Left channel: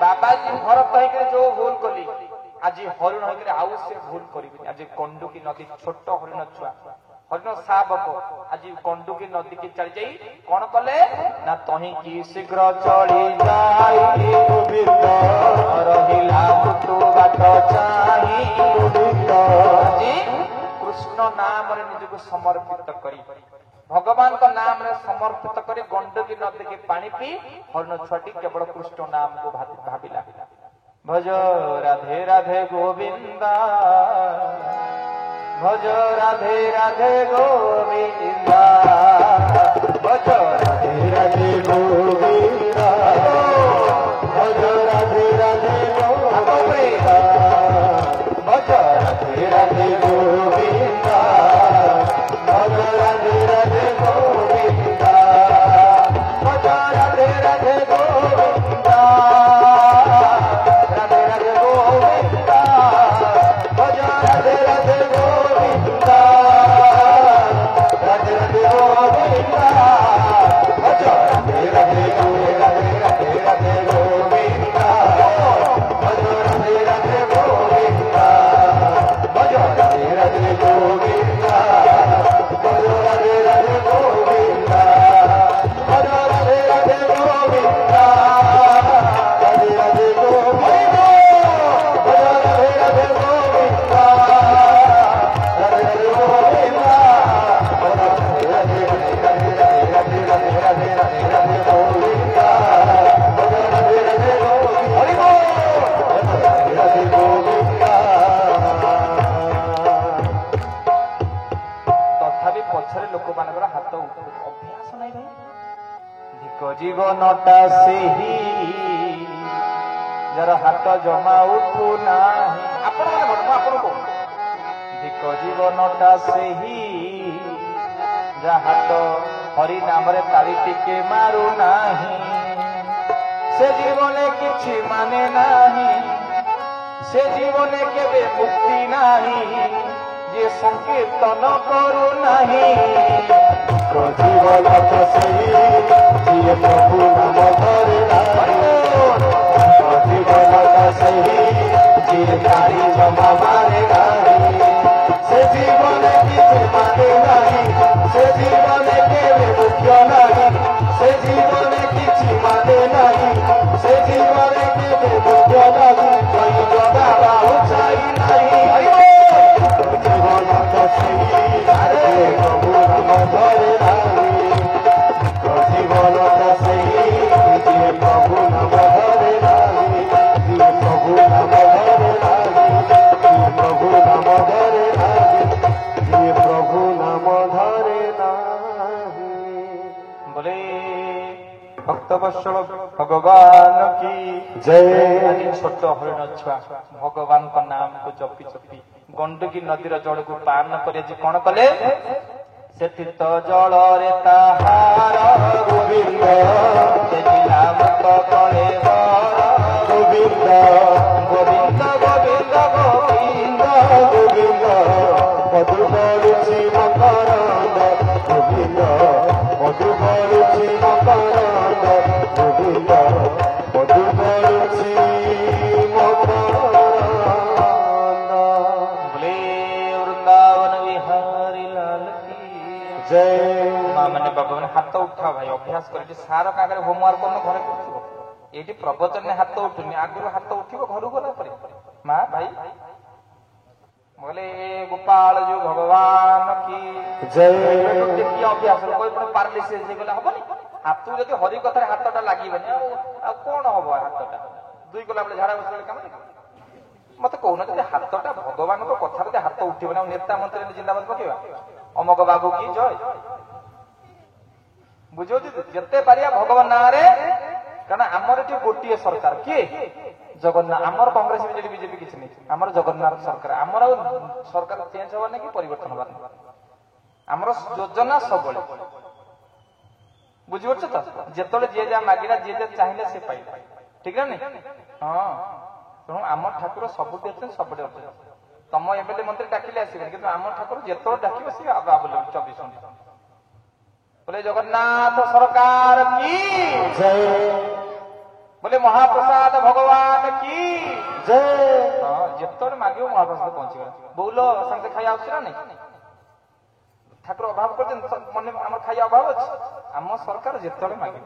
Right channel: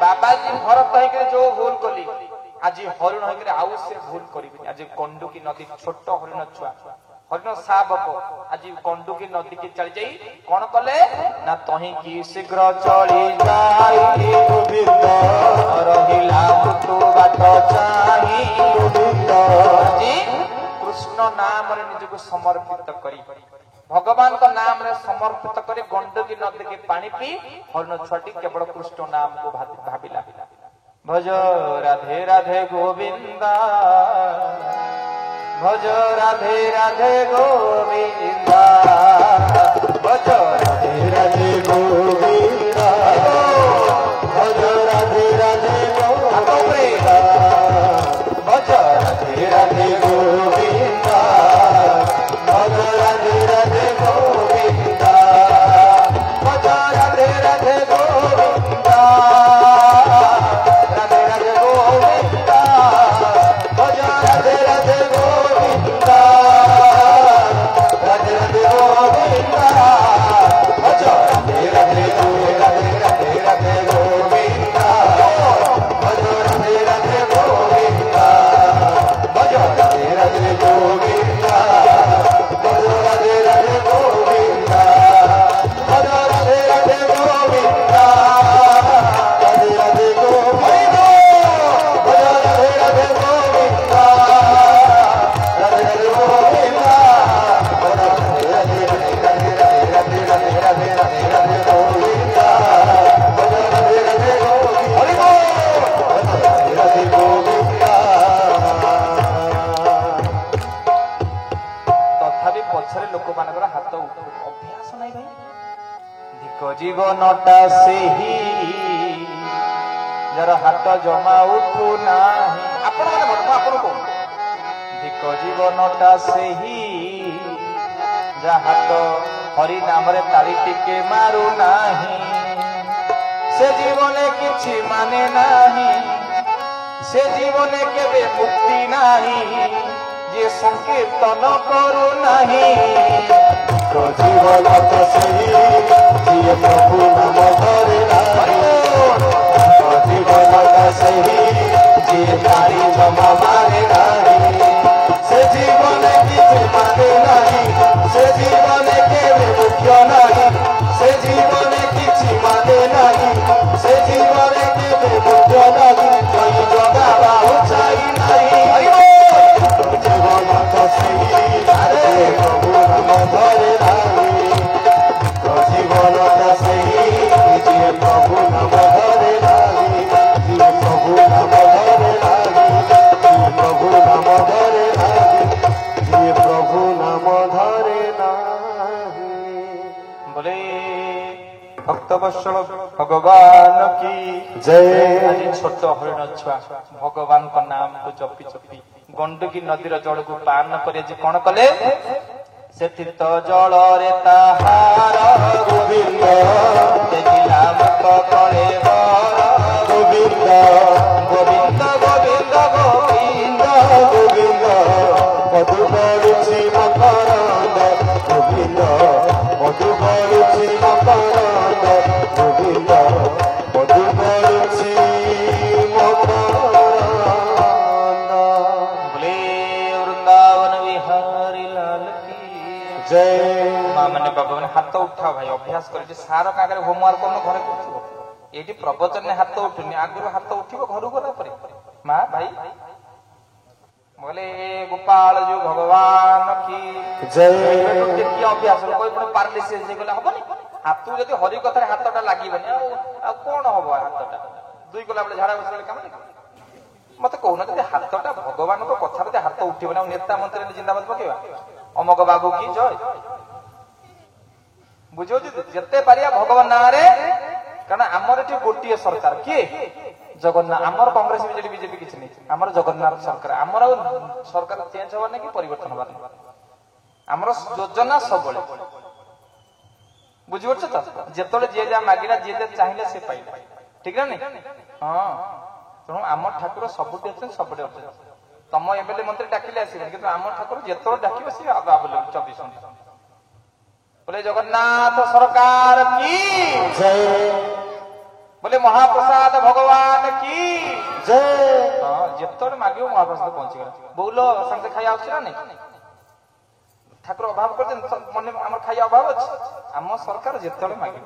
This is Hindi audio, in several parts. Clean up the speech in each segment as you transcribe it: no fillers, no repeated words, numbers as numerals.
बाबाजी भरत होकर जो भूल कली आज हरिण होकर आउ से भूल करी आज कंडुकी नदी छोट हरिण छुआ हरिण साबक आज कंडुकी नदी की चली जाई कौन कले ना तही की शीघ्र चली जाई गोविंद रहिला मृत्यु बाट चाही गोविंद जी कृष्ण नाम रे निजको समर्पित करी भगवान का नाम रे समर्पित करे गंडकी नदी के पानी पी हरिण छुआटी केवल कृष्ण नाम को भाविला भज राधे राधे गोविंदा भज राधे राधे गोविंदा भज राधे राधे गोविंदा भज राधे राधे गोविंदा भज राधे राधे गोविंदा भज राधे राधे गोविंदा भज राधे राधे गोविंदा जीवनटा से ही जर हाथ जमा उठू नाही आपण माने मन आपण को धिक जीवनटा से ही जा हाथ हरि नाम रे ताली टिके मारू नाही से जीवने किछि माने नाही से जीवने केबे मुक्ति नाही जे संकीर्तन करू नाही तो जीवनटा से ही प्रभु नाम धरे तो जीवनटा से ही जिए तारी जमा मारे नाही से जीवन किछि माने नाही से जीवन केबे मुख्य नाही से जीवन किछि माने नाही से जीवन केबे मुख्य नाही कोई जगह उचाई नाही जीवनटा से ही प्रभु नाम धरे जीवनटा से ही जिए प्रभु नाम धरे नाही जिए प्रभु नाम धरे नाही जिए प्रभु नाम धरे नाही जिए प्रभु नाम धरे नाही बोले भक्त वत्सल भगवान की जय। आज छोट हरिण छुआ भगवान का नाम को जपी जपी गंडकी नदीर जल को पान करे जे कौन कले से तीर्थ जल रे ताहार गोविंद तेजिला मत करे गोविंद गोविंद गोविंद गोविंद गोविंद मधु बरुछि मकरंद गोविंद मधु बरुछि मकरंद गोविंद मधु बरुछि मकरंद बोले वृंदावन विहारी लाल जय। माँ मैंने बाबा मैंने हाथ उठा भाई अभ्यास कर सार का होमवर्क घर ये प्रवचन ने हाथ उठुनि आगु हाथ उठिब घर गला पर माँ भाई बोले गोपाल जो भगवान की जय। देखिए अभ्यास कोई पारालिसिस गले हबनी हाथ जब हरि कथा हाथटा लगे कौन हम हाथटा दुई गला बेले झाड़ा बस कम मत कहना हाथटा भगवान कथा हाथ उठे नेता मंत्री जिंदाबाद पकेगा अमक बाबू की जय बुझे जिते पारिया भगवान ना रे कारण आमर ये गोटे सरकार किए जगन्नाथ आमर कांग्रेस बीजेडी बीजेपी किसी नहीं आमर जगन्नाथ सरकार आमर सरकार चेंज हबार नहीं कि परिवर्तन हबार नहीं आमर योजना सब बुझी पार्छ तो जिते जी जहाँ मागिला जी जहाँ चाहिए से पाइला ठीक है हाँ तेणु आम ठाकुर सबुठे अच्छे सबुठे अच्छे तुम एमएलए मंत्री डाकिले आसबे कि आम ठाकुर जिते डाकिबे सी अवेलेबल 24 घंटा बोले जगन्नाथ सरकार की जय। बोले महाप्रसाद भगवान की जय। हाँ जिते मागे महाप्रसाद पहुंचीगला बोल सामने खाया ना नहीं ठाकुर अभाव कर मन आम खाया अभाव अच्छे आम सरकार जिते मागे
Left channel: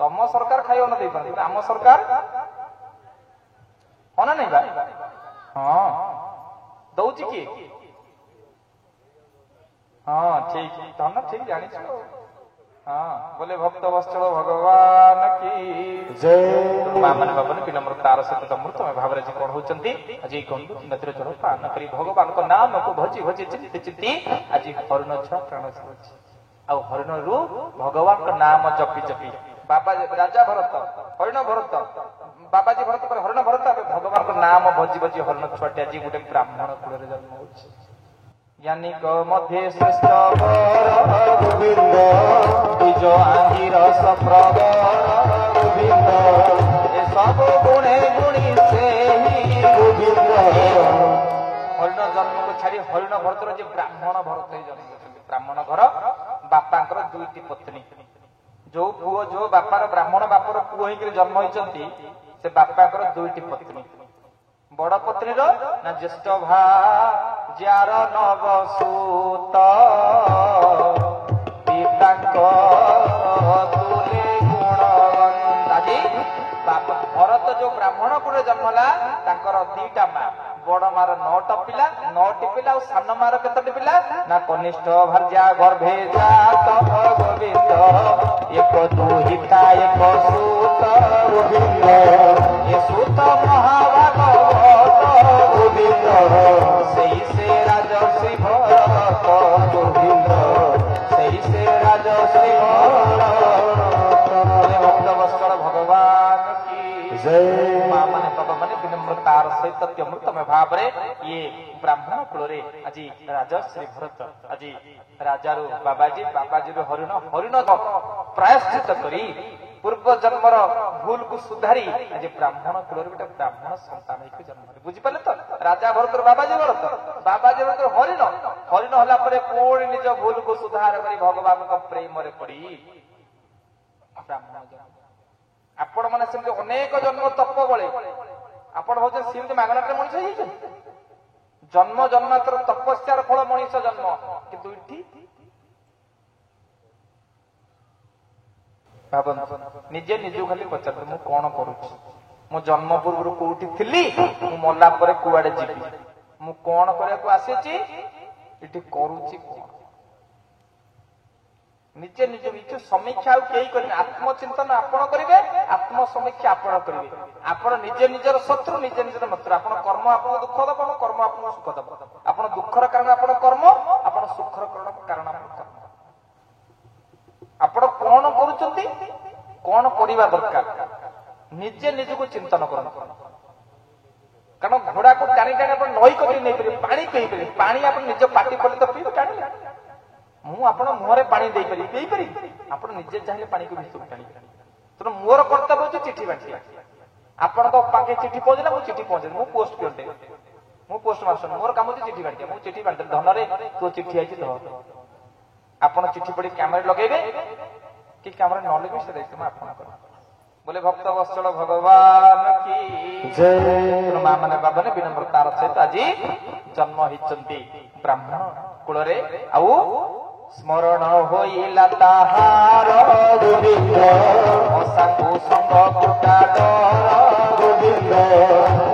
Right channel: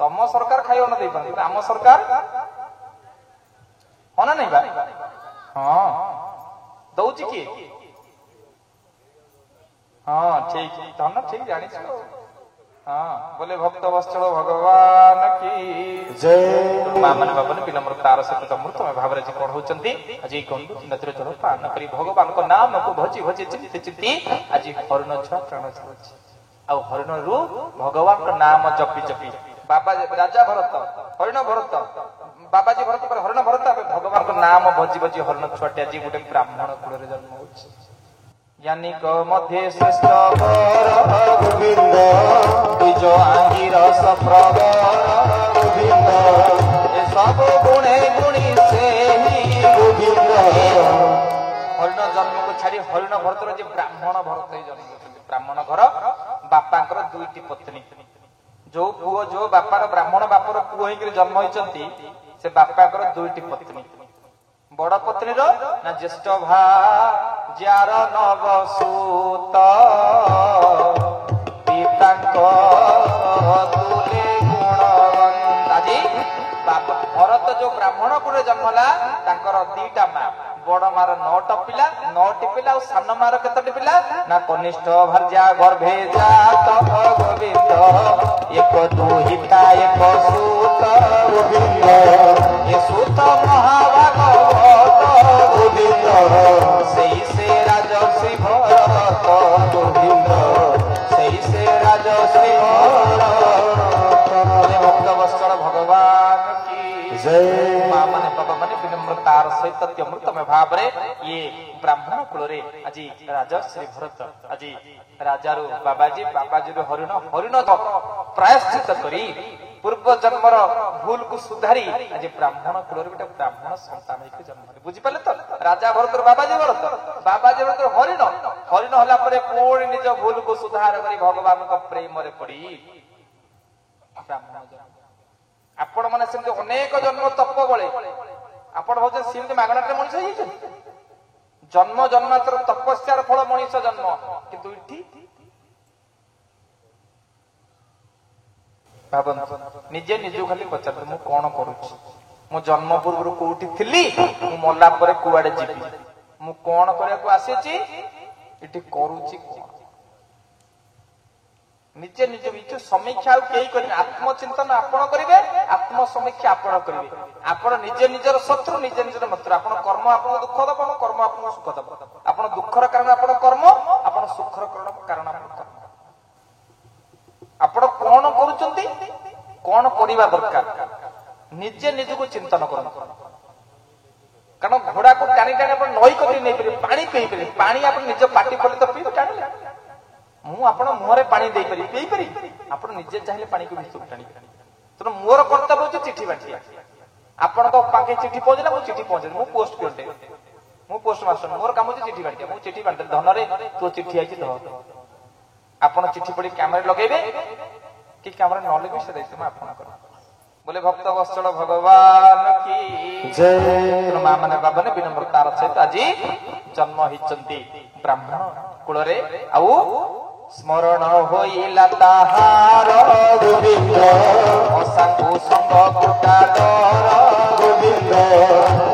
तम सरकार खाया न दे पारे आम सरकार हाँ ना नहीं बा हाँ दौची किए हाँ ठीक तम ठीक जानी हाँ बोले भक्त वत्सल भगवान की जय। माँ मैंने बाबा विनम्र तार सहित अमृत भाव आज कौन होती आज कहूँ नदीर जल पान कर भगवान को नाम को भजी भजी चिंती चिंती आज हरिण छुआ प्राण छाड़ी आ हरिण रु भगवान का नाम जपी जपी बाबा राजा भरत हरिण भरत बाबाजी भरत पर हरिण भरत भगवान को नाम भजी भजी हरिण छुआटे आज गोटे ब्राह्मण कूल जन्म हो ज्ञानी मध्य श्रेष्ठ गोविंद तुझ आंगिर सप्रवर गोविंद ए सब गुणे गुणी से गोविंद हरिण जन्म को छाड़ी हरिण भरतर जे ब्राह्मण भरत जन्म ब्राह्मण घर बापांकर दुईटी पत्नी जो पुओ जो बापार ब्राह्मण बापर पुओ होकर जन्म होती से बापांकर दुईटी पत्नी बड़ पत्नी ना ज्येष्ठ जार नवसूत पितांक तुले गुणवंत आदि भरत जो ब्राह्मण कुल जन्मला तांकर दीटा माँ बड़ मार 9टी पिला 9टी पिला और सान मार केतोटी पिला ना कनिष्ठ भार्या गर्भे जात गोविंद एक दुहिता एक सूत गोविंद ये सूत महाभागवत गोविंद सही से राजश्री भरत गोविंद सही से राजश्री भरत भक्त वत्सल भगवान की जय। माँ माने बाबा माने विनम्रतार सहित अमृतमय भाव ये ब्राह्मण कूल आज राजश्री भरत आज राजार बाबाजी बाबाजी हरिण हरिण प्रायश्चित करी पूर्व जन्मर भूल को सुधारी आज ब्राह्मण कूल गोटे ब्राह्मण संतान जन्म बुझिपारे तो राजा भरत बाबाजी भरत हरिण हरिण होला पुणी निज भूल को सुधार कर भगवान प्रेम पड़ी ब्राह्मण जन्म आपण मैंने सेमती अनेक जन्म तप बड़े आपण भाव सेमती मागणाटे मनीष हो जन्म जन्मांतर तपस्यार फल मनीष जन्म किंतु इठी भावନ୍ତୁ निजे निज खाली पचार मु कौन करुच्ची मु जन्म पूर्व कोठी थी मु मरला कुआडे जीवी मु कौन करने आसी करुच्ची कौन निजे निज निज समीक्षा कई कर आत्मचिंतन आपण करेंगे आत्मसमीक्षा आपण करेंगे आपण निजे निजर शत्रु निजे निजर मित्र आपण कर्म आपण दुख दब कर्म आपण सुख दब आपण दुखर कारण आपण कर्म आपण सुखर कारण आपण कर्म आपण कौन करुचंती कौन करबा दरकार निजे निज को चिंतन करन कारण घोड़ा को टाणी टाणी आपण नई कर नहीं पारे पानी पी पारे पानी आपण निज पाटी खोले तो पीबे टाणी मु आपण मुहरे पानी दे पारी पी पारी आपण निजे चाहिले पानी को भितर टाणी तो मोर कर्तव्य होची चिट्ठी बांटिया आपण तो पाके चिट्ठी पहुंचला मु चिट्ठी पहुंचे मु पोस्ट करते मु पोस्ट मास्टर मोर काम होची चिट्ठी बांटिया मु चिट्ठी बांटे धनरे तो चिट्ठी आइची तो आपण चिट्ठी पड़ी कैमरा लगेबे कि कैमरा न लगे से दायित्व में आपण कर बोले भक्त वत्सल भगवान की जय। माँ माने बाबा ने विनम्रतार सहित आज जन्म होइचंती ब्राह्मण कूल रे आउ स्मरण होइला ताहार गोविंद असांगु संग कुटादर गोविंद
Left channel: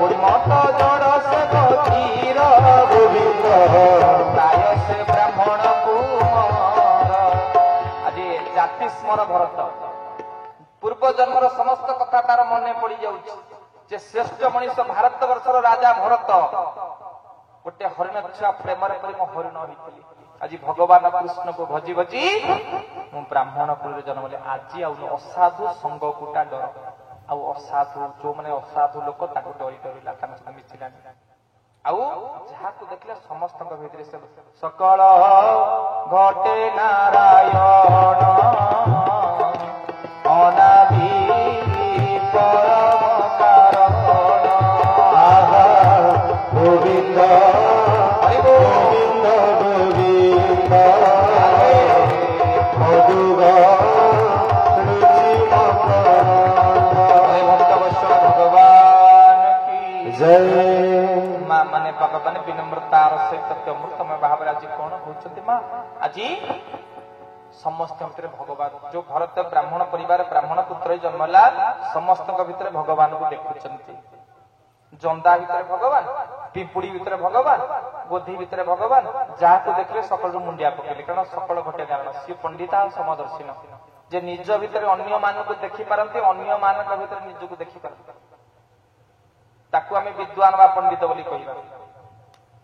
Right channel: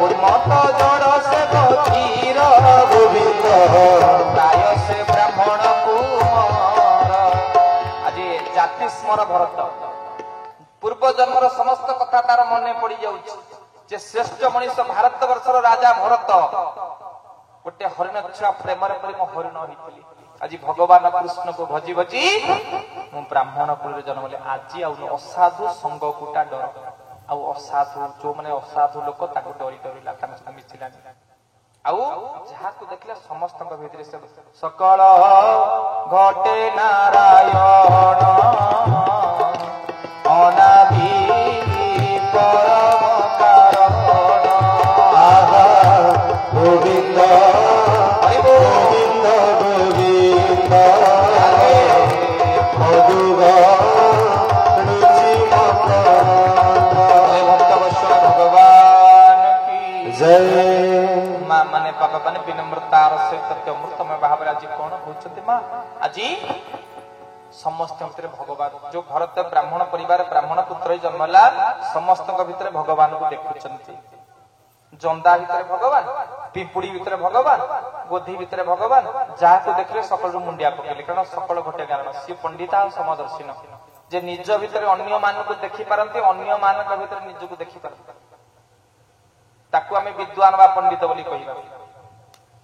उन्मत जड़ से गभीर गोविंद प्राय से ब्राह्मण कुमार आज जाति स्मर भरत पूर्व जन्मर समस्त कथा तार मन पड़ जाउछि श्रेष्ठ मनीष भारत वर्षर राजा भरत गोटे हरिण छुआ प्रेम हरिण होती आज भगवान कृष्ण को भजी भजी मु ब्राह्मण कुल जन्म ले आज असाधु संग कुटा डर असाधु जो मैंने असाधु लोक डरी डरला मिथिलानी जहाँ को देखला समस्त भितर सकल घटे नारायण अनादि परम कारण गोविंद गोविंद गोविंद मधुर रुचि जय माँ माने बाबा माने विनम्रतार सहित अमृतमय भाव आज कौन होती माँ आज समस्त भितर भगवान जो घर तो ब्राह्मण परिवार ब्राह्मण पुत्र जन्मला समस्त भितर भगवान को देखुंट जंदा भितर भगवान पिंपुड़ी भितर भगवान गोधी भितर भगवान जहाँ को देखले सकल मुंडिया पकेले कारण सकल घटे कारण सी पंडिता और समदर्शी जे निज भितर अन्य मान को देखी पारती अन्य मान भितर निज को देखी पारती ताकू आम विद्वान बा पंडित बोली कहवा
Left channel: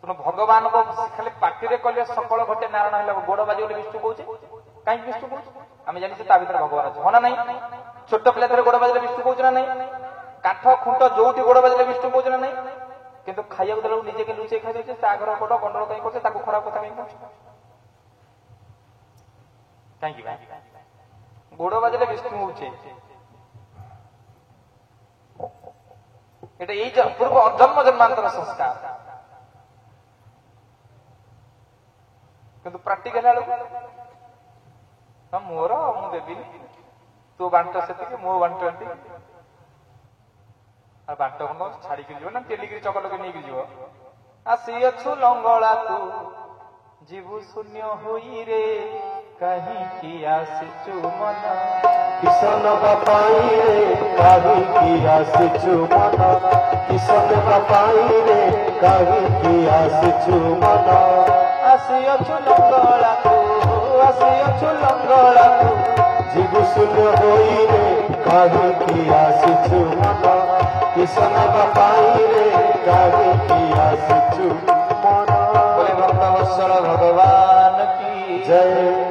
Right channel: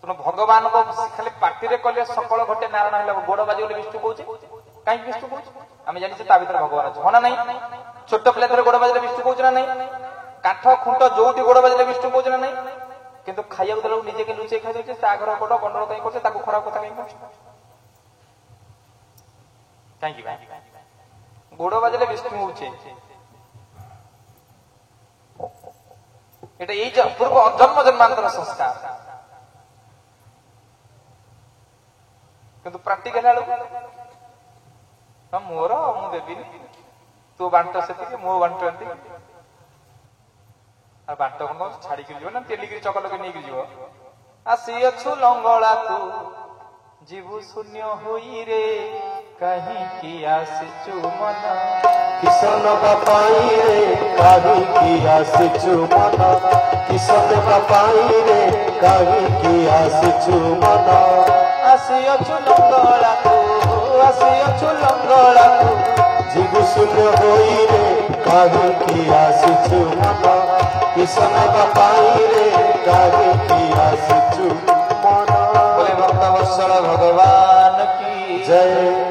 तेणु भगवान को खाली पार्टी कले सकल घटे नारायण है गोड़ बाजी विष्णु कहे कहीं विष्णु कहे आम जानी ता भर भगवान अच्छे हाँ ना छोट पिला धर गोड़ बाजिले विष्णु कहे ना नहीं काठ खुंट जो गोड़ बाजिले विष्णु कहे ना नहीं किंतु खाइबा देला निजे के लुचे खाई दे घर गोड़ गंडल कहीं करते खराब कथा कहीं कहीं गोड़ बाजिले विष्णु होचे एटा पूर्व जन्म जन्मांतर संस्कार किंतु प्रैक्टिकल मोर मु देवी तू बांट से मो बांट बांट खंड छाड़ी ना टेलिक चकल के नहीं जीव आसी अच्छु लंगला तू जीवु शून्य होई रे कहीं की आसिचु मन किसन बापाई रे कहीं की आसिचु मन किसन बापाई रे कहीं की आसिचु मन आसी अच्छु लंगला तू जीव शून्य होई रे कहीं की आसिचु मन किसन बापाई रे कहीं की आसिचु मन बोले भक्त वत्सल भगवान की जय।